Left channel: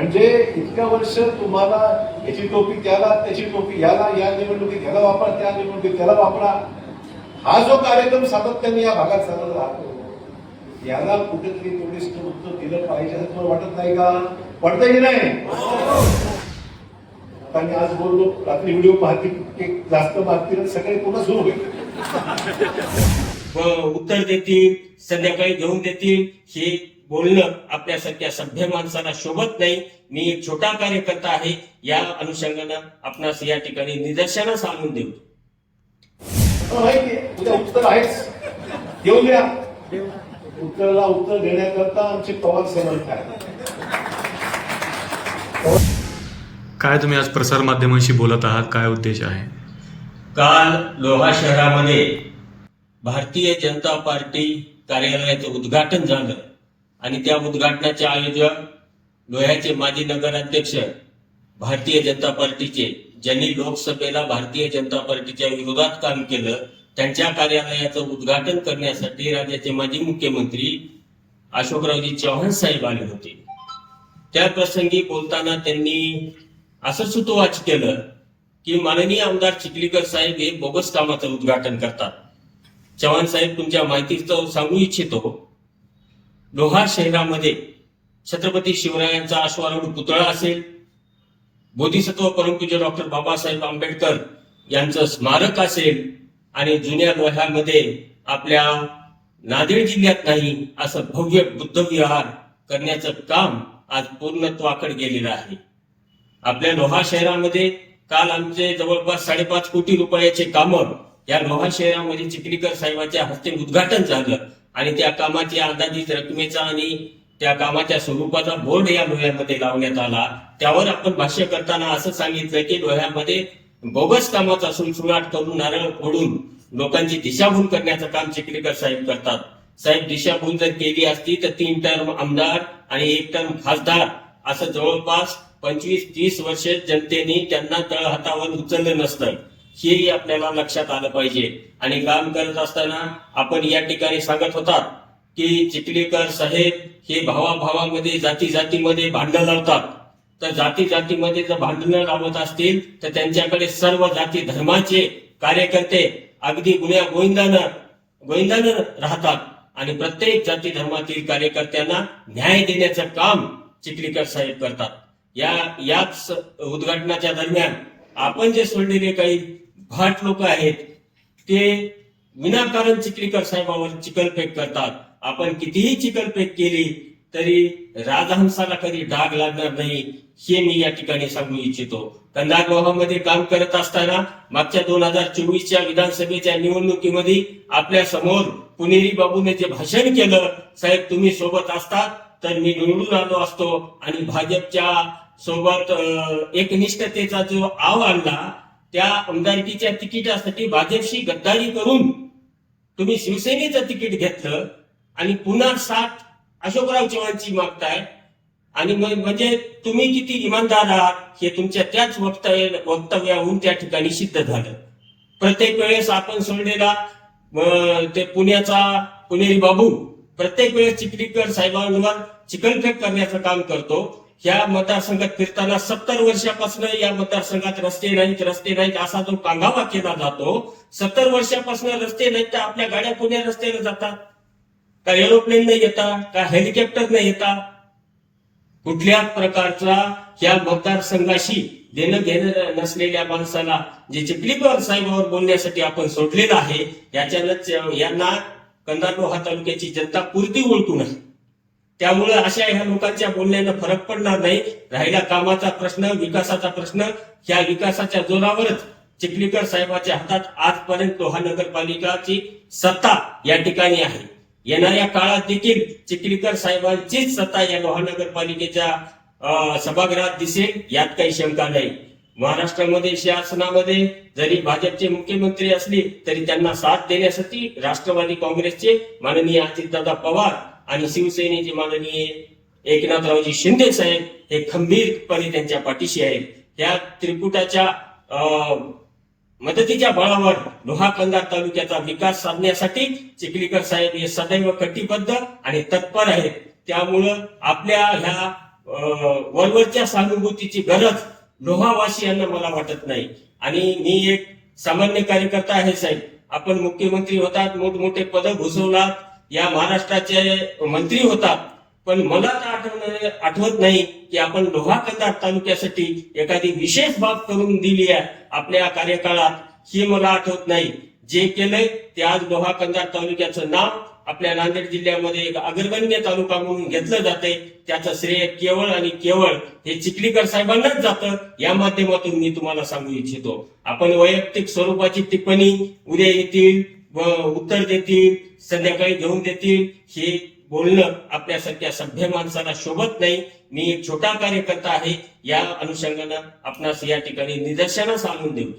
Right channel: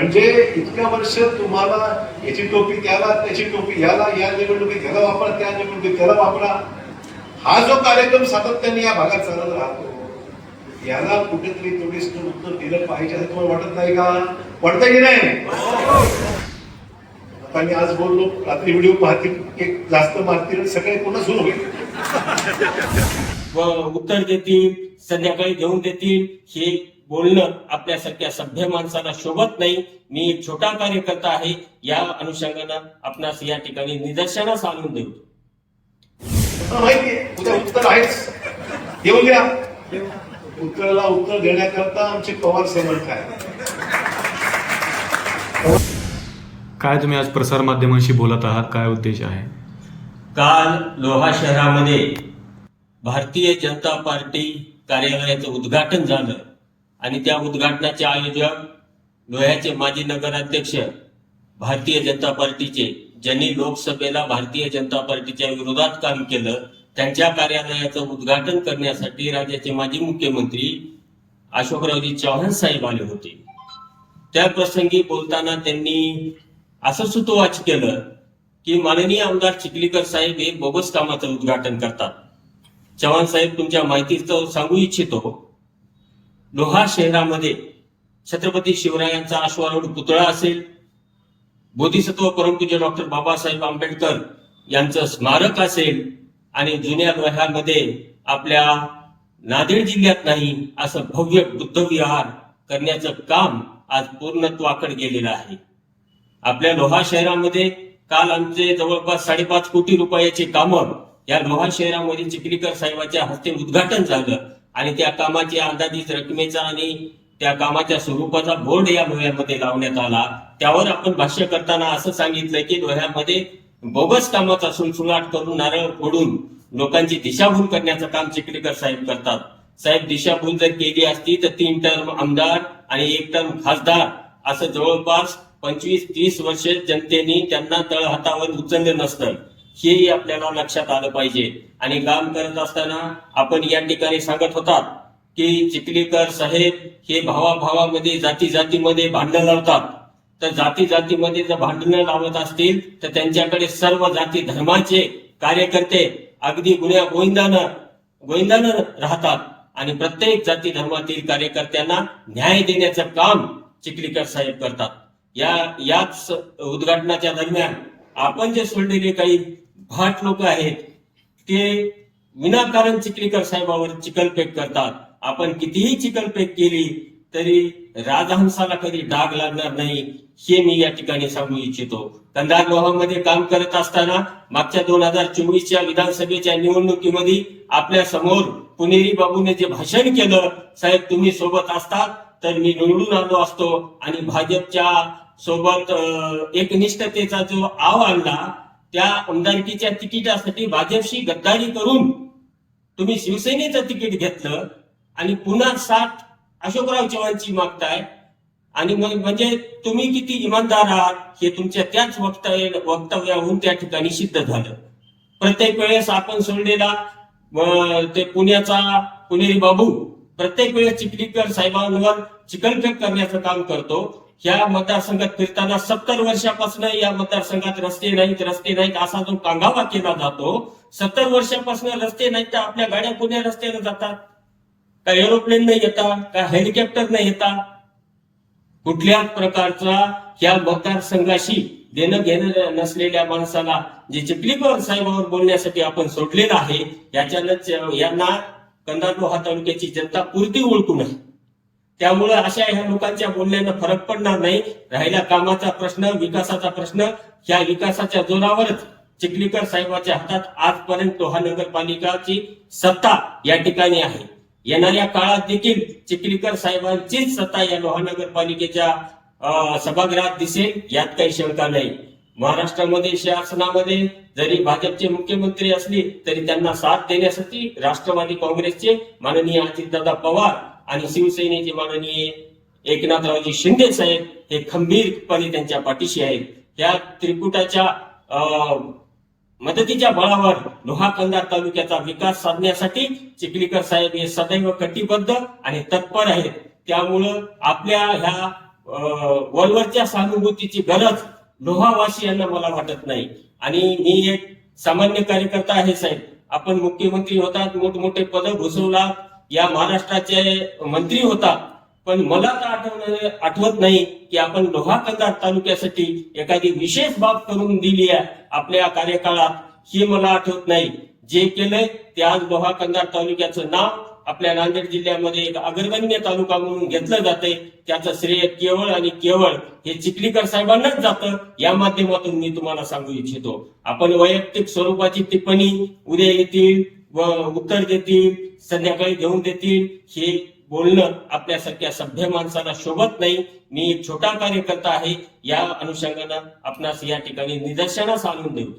म्हणजे इतक्या वर्ष तुम्हाला याची टोपी त्याला त्याची टोपी याला या निवडणुकीत ह्याला वापरा त्या निवडणुकीत त्याला वापरा. हा जो कार्यक्रम सातत्याने या भागात चालत राहतो याला कुठेतरी तेवढी उत्तर दिलं पाहिजे असं तुम्हाला वाटत नाही का? वाटतं की नाही? आता मी आज बोललो रात्री व्हिडिओ पाहतील जास्त मारतील सकाळी पुन्हा सुरू होईल. उत्तर देतील संध्याकाळी घेऊन देतील हे बोलणं आपल्यासारख्या सभ्य माणसाला शोभत नाही. मी एक छोटा कार्यकर्ता आहे. या अनुषंगानं आपणास या ठिकाणी निदर्शनास आणून देऊ. मला माहितीये उद्या उत्तर आहेच. देऊन घ्या. उत्तराला उत्तर देण्याकरता आमची पवार समर्थ आहे काय तुम्ही आज प्रसारमाध्यमांशी बोलत आहात? काय उद्देश आहे? काल लोहा शहरामध्ये भारतीय जनता पार्टी कार्यालयाचं उद्घाटन झालं. आणि त्या उद्घाटनाचे आयोजक लोह्याचे माजी नगराध्यक्ष भारतीय जनता पार्टीचे ज्यांनी लोकसभेला भारतीय जनता पार्टीच्या विरोधात काम केलं त्यांच्या कार्यालयाचं उद्घाटन करण्यासाठी राज्याचे माजी मुख्यमंत्री अशोकरावजी चव्हाण साहेब आले होते. त्या प्रसंगी बोलताना त्यांनी असं सुतोवाच केलं की माननीय आमदार चिखलीकर साहेब हे बोगस कामाचं उद्घाटन करतात. चव्हाण साहेब तुमच्या माहितीचं सांगू इच्छितो. लोहार शहरामध्ये छत्रपती शिवरायांचा अश्वारूढ पुतळा असेल. बोधिसत्व परमपूज्य डॉक्टर बाबासाहेब आंबेडकर यांचं स्मारक असेल आणि जुन्या लोह्यामध्ये आपल्या नांदेड जिल्ह्यात नाही असं भव्य बुद्धविहार करण्याचं काम आज पूर्णत्वाकडे गेलेलं आहे. आपल्या लोहा शहरामध्ये काल आमचे जवळपास साडेपाच कोटी रुपयाचे कामं या लोहा शहरामध्ये चिखलीकर साहेबाच्या हस्ते उद्घाटन झालं. आणि त्या कामाची अंदाजित रकमेचा आणि त्या कामाच्या स्वरूपाचा बोर्ड या डोळ्यामध्ये लावण्यात आला. त्यावर आपण भाष्य करताना असं सांगितलं की डोळ्यामध्ये बोगस कामाचा सुळसुळाट करून नारळ फोडून लोकांची दिशाभूल करण्याचं काम चिखलीकर साहेब करतात. साहेब दिशाभूल जर केली असती तर तीन टर्म आमदार आणि एक टर्म खासदार असं जवळपास पंचवीस तीस वर्ष जनतेने त्यांना तळहातावर उचललं नसतं. हेही आपल्याला लक्षात आलं पाहिजे. आणि काम करत असताना आपण या ठिकाणी सांगत होतात की चिखलीकर साहेब हे भावाभावामध्ये जाती जातीमध्ये भांडणं लावतात. तर जाती जातीमध्ये जर भांडणं लावत असतील तर त्यांच्याकडे सर्व जाती धर्माचे कार्यकर्ते अगदी गुन्ह्या गोविंदानं गोविंदानं राहतात. आणि प्रत्येक जाती धर्मातील कार्यकर्त्यांना न्याय देण्याचं काम चिखलीकर साहेब करतात. या याच उद्घाटनाच्या दरम्यान आपण जे सोडलेले काही भाट लोक आहेत. ते विनाकारण चिखलीकर साहेबावर चिकलपेक करतात. आपण कितीही चिकलपेक केली तरी राजहंसाला कधी डाग लागणार नाही हे मी या ठिकाणी सांगू इच्छितो. कंधार काम करत असताना मागच्या दोन हजार चोवीसच्या विधानसभेच्या निवडणुकीमध्ये आपल्यासमोर पुणेरी बाबूने जे भाषण केलं साहेब तुम्ही सोबत असतात तर मी निवडून आलो असतो. आणि भाजपच्या सोबत एकनिष्ठतेचा जो आव आणला त्या आमदारकीच्या तिकिटासाठी भाजपशी गद्दारी करून तुम्ही शिवसेनेचं तिकीट घेतलं आणि पुन्हा साथ अशोकराव चव्हाणची मागताय. आणि मग म्हणजे तुम्ही किती इमानदार आहात हे तुमच्या त्याच वक्तव्य वक्तव्याहून त्या ठिकाणी सिद्ध झालं. प्रत्येक वेळेस आपण सोडलेला ते पुण्याचा पुणेरी बाबू प्रत्येक वेळेस चिखलीकर साहेबांवर चिकलफेक करण्याचं काम करतो. ह्या मतदारसंघात फिरताना सत्तर वर्षापासून या मतदारसंघात रस्ते नाहीत रस्ते नाहीत असा जो कांगावा केला जातो सत्तर वर्षापासून रस्ते नाहीत तर आपल्या गाड्या पुण्या रस्त्याने जातात? का एरोप्लेन नाही येता का हेलिकॉप्टर नाही येता? कुठल्याच प्रकारचा या मतदारसंघाशी देणं घेणं नसलेल्या माणसाला जे चिपलीकर साहेबावर बोलण्यासाठी आपण सोडलेलं आहे याच्यानंच यांना कंदार हा तालुक्याची जनता पुरती ओळखून आहे त्यामुळे अशा ह्या लोकांच्या बोलण्यानं फरक पडणार नाही. राहिला कामाचा प्रश्न विकासाचा प्रश्न. ह्या विकासाच्या जोरावरच चिखलीकर साहेबांच्या हातात आजपर्यंत हा नगरपालिकाची सत्ता या ठिकाणी आहे. येणाऱ्या काळात देखील चिखलीकर साहेबांचीच सत्ता या लोहा नगरपालिकेच्या सभागृहात दिसेल यात काही शंका नाही. महाराष्ट्रामध्ये शासनामध्ये जरी भाजपचे मुख्यमंत्री असले तरी त्यांना साथ देण्यासाठी राष्ट्रवादी काँग्रेसचे माननीय अजितदादा पवार आणि शिवसेनेचे माननीय एकनाथरावजी शिंदे साहेब हे खंबीरपणे त्यांच्या पाठीशी आहेत. या त्रिकुटाच्या मदतीच्या बळावर लोहा कंदार तालुक्याचा विकास साधण्यासाठी चिखलीकर साहेब हे सदैव कटिबद्ध आणि तत्पर आहेत. त्यामुळं आपल्या ह्या वरवरच्या सहानुभूतीची गरज लोहावासियांना मला वाटत नाही. आणि मी एक सामान्य कार्यकर्ता आहे साहेब. आपण मुख्यमंत्री होतात मोठमोठे पद भूषवलात या महाराष्ट्राचे मंत्री होतात पण मला तर आठवण आठवत नाही की आपण लोहा कंधार तालुक्यासाठी एखादी विशेष बाब करून दिली आहे आपल्या कार्यकाळात ही मला आठवत नाही. जे केलंय ते आज लोहा कंधार तालुक्याचं नाव आपल्या नांदेड जिल्ह्यामध्ये एक अग्रगण्य तालुका म्हणून घेतलं जाते त्याचं श्रेय केवळ आणि केवळ हे चिखलीकर साहेबांनाच जातं. या माध्यमातून मी तुम्हाला सांगू इच्छितो. आपण वैयक्तिक स्वरूपाची टिप्पणी उद्या येतील. उत्तर देतील संध्याकाळी घेऊन देतील. हे बोलणं आपल्यासारख्या सभ्य माणसाला शोभत नाही. मी एक छोटा कार्यकर्ता आहे. या अनुषंगानं आपणास या ठिकाणी निदर्शनास आणून देऊ.